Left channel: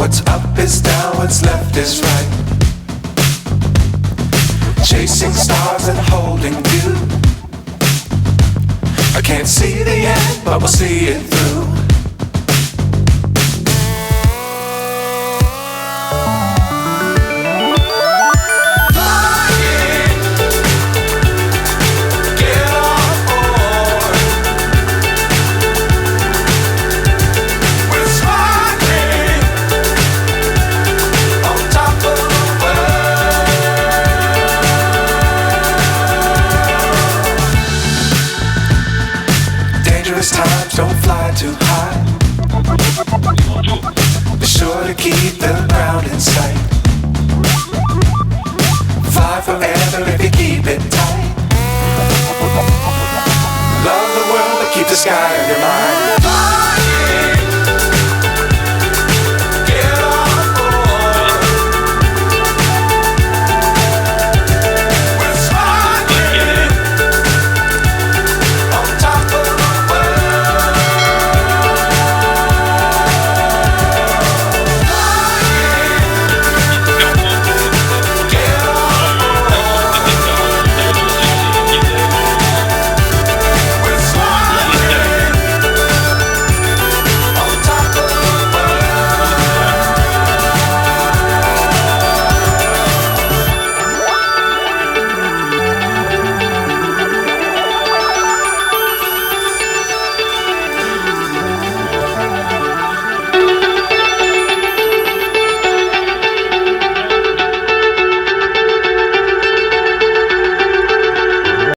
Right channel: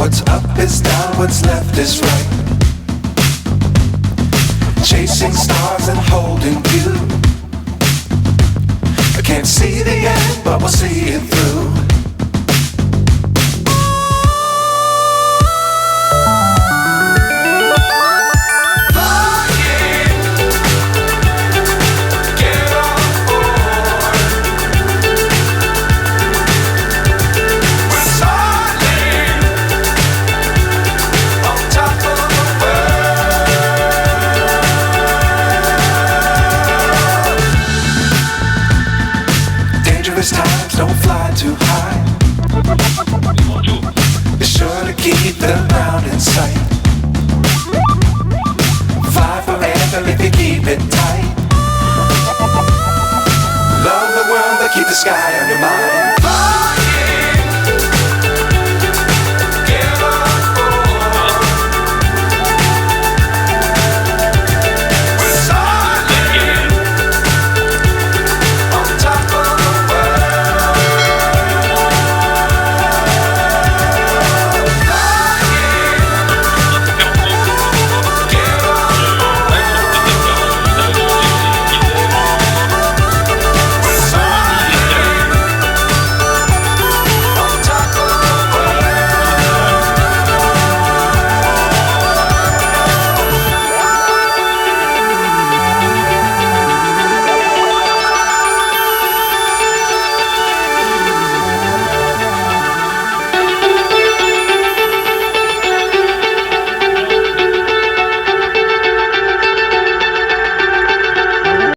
What's up is down, what's left is right. Chasing stars and holding you. I can't see the end, but we'll see it through. Times don't fly too high. Be sure to keep the ground in sight. Fly forever if you keep it tight. Love the world but keep the sky on your mind.